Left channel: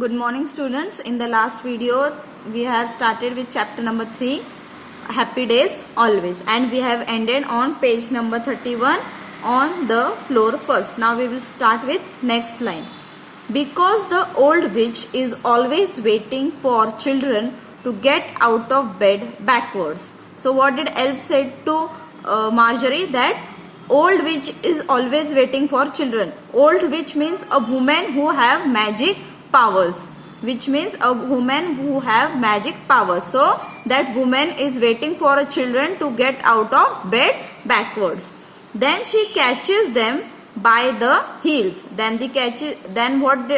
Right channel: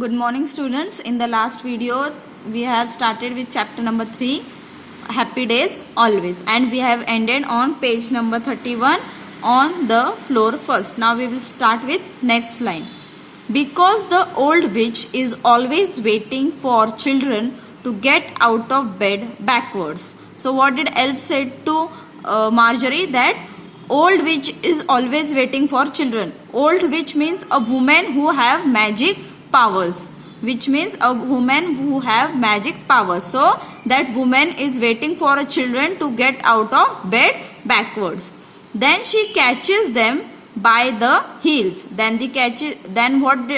Good morning students. In the last video we have started with chapter number 3, Happy Days Always, and we have ended on page number 31 on the floor first. Now we will start with next line. Because the old witch is always waiting for children to get out of bed backwards. So what did Elf said to Marjorie? That old witch is always waiting for children. Old witch means a woman who have magic powers, which means a woman who have magic powers. So that woman is waiting for a children to get out of bed backwards. Then she catches them by the heels. Then what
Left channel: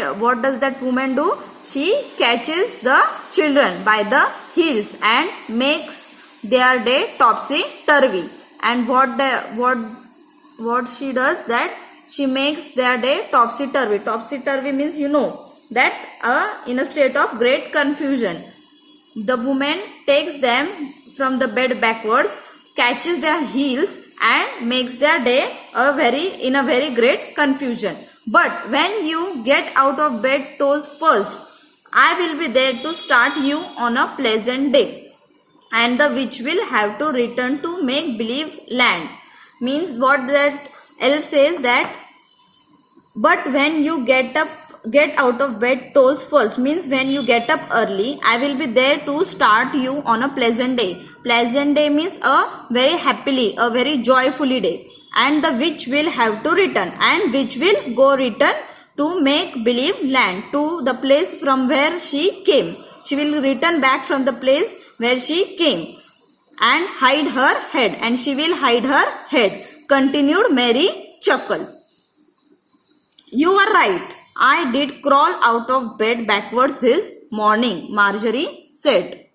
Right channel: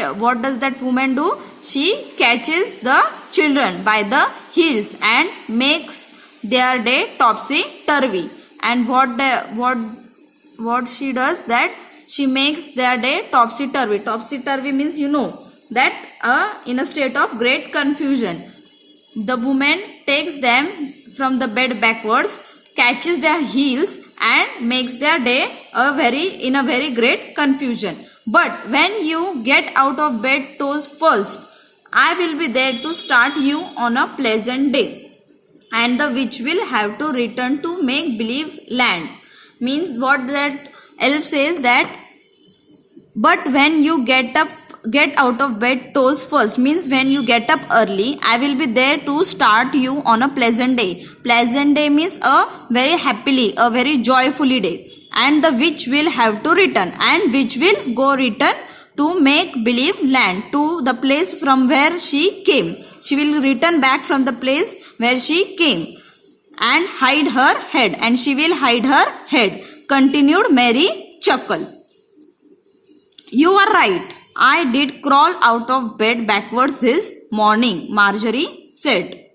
does that woman do? She catches the children by the heels and makes their day topsy turvy. And what she does, that she makes their day topsy turvy. Topsy turvy means that in a state of great confusion. The woman takes them from the bed backwards, catches their heels and makes their day in a very great confusion. But when you get out of bed toes first, I will be there to start you on a pleasant day. And the witch will have to return to make believe land. Means what that Elf says, that but when you get out of bed toes first, means when you get up early, I will be there to start you on a pleasant day. Pleasant day means a very happily, a very joyfully day. And the witch will have to return, and witch will go return to make believe land, to the place from where she came. She will return back from the place where she came and hide her head, and she will hide her head. Continued Mary Chuckle. You are right. I did crawl out of bed backwards this morning, Marjorie said.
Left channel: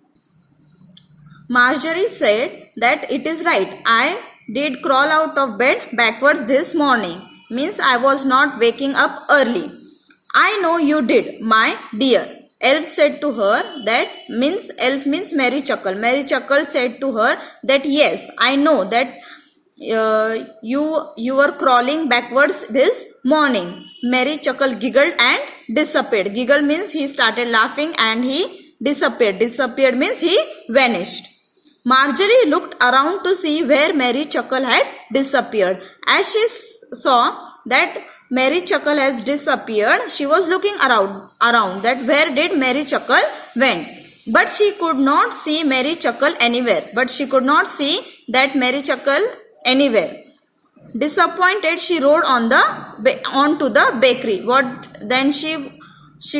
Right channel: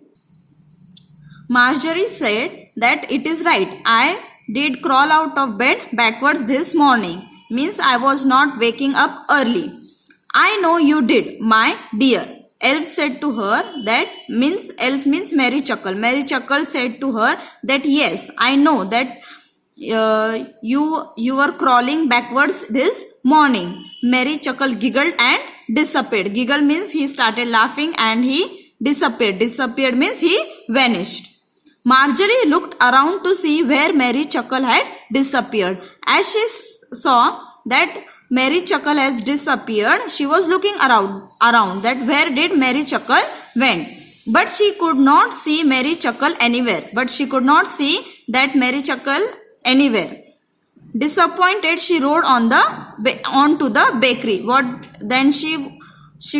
Marjorie said that it is right. I did crawl out of bed backwards this morning. Means I was not waking up early. I know you did, my dear. Elf said to her that, Elf means Mary Chuckle. Mary Chuckle said to her that yes, I know that you were crawling backwards this morning. Mary Chuckle giggled and disappeared. Giggle means he started laughing and he disappeared. Disappeared means he vanished. Marjorie looked around to see where Mary Chuckle had disappeared. As she saw that Mary Chuckle has disappeared, she was looking around that where did Mary Chuckle went. But she could not see Mary Chuckle anywhere. Anywhere. Disappointed, she rode onto the bakery. Then she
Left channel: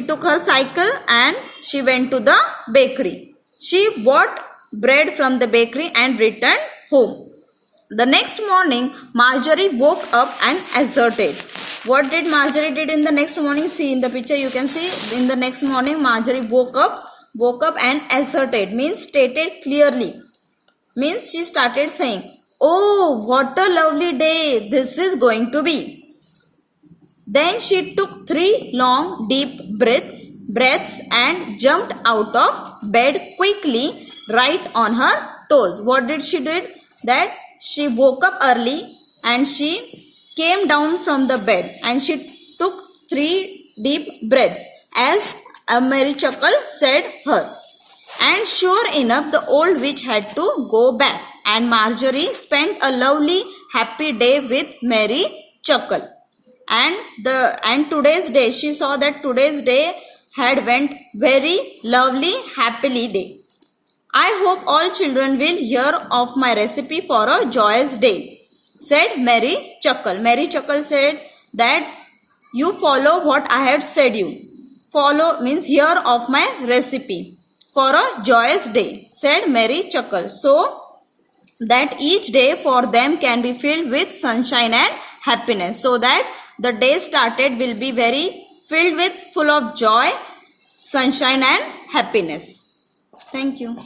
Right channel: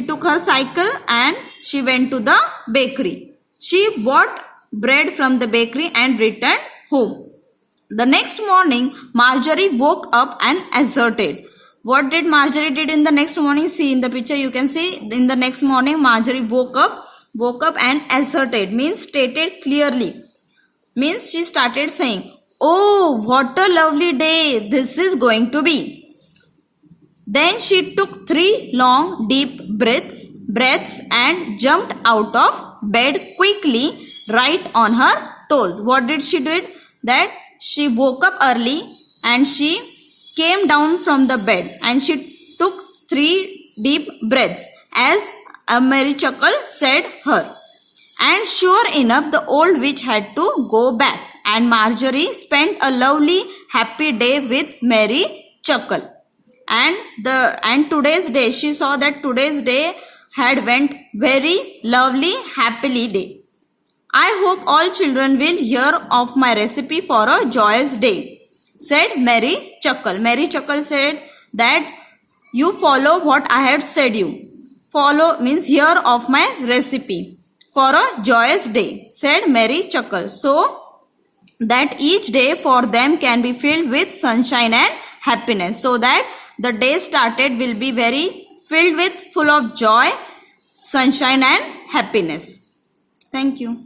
took her cycle and she went to the bakery. She bought bread from the bakery and returned home. The next morning, Marjorie woke up and asserted. What did Marjorie did in the next morning? See in the picture, you can see in the next morning Marjorie woke up and asserted, means stated clearly. Means she started saying, oh, what a lovely day this is going to be. Then she took 3 long deep breaths and jumped out of bed quickly, right on her toes. What did she do? That she woke up early and she came down from the bed and she took 3 deep breaths as Mary Chuckle said her. And sure enough, the old witch had to go back, and Marjorie spent a lovely happy day with Mary Chuckle. And today's day, she saw that today's day had went very lovely happily day. I hope all children will hear of my recipe for a joyous day, said Mary Chuckle. Mary Chuckle said that you follow what I have said you. Follow means hear of my recipe for a joyous day, said Mary Chuckle, so that each day for them can be filled with sunshine and happiness. So that the day started will be very filled with full of joy, sunshine and happiness. Thank you.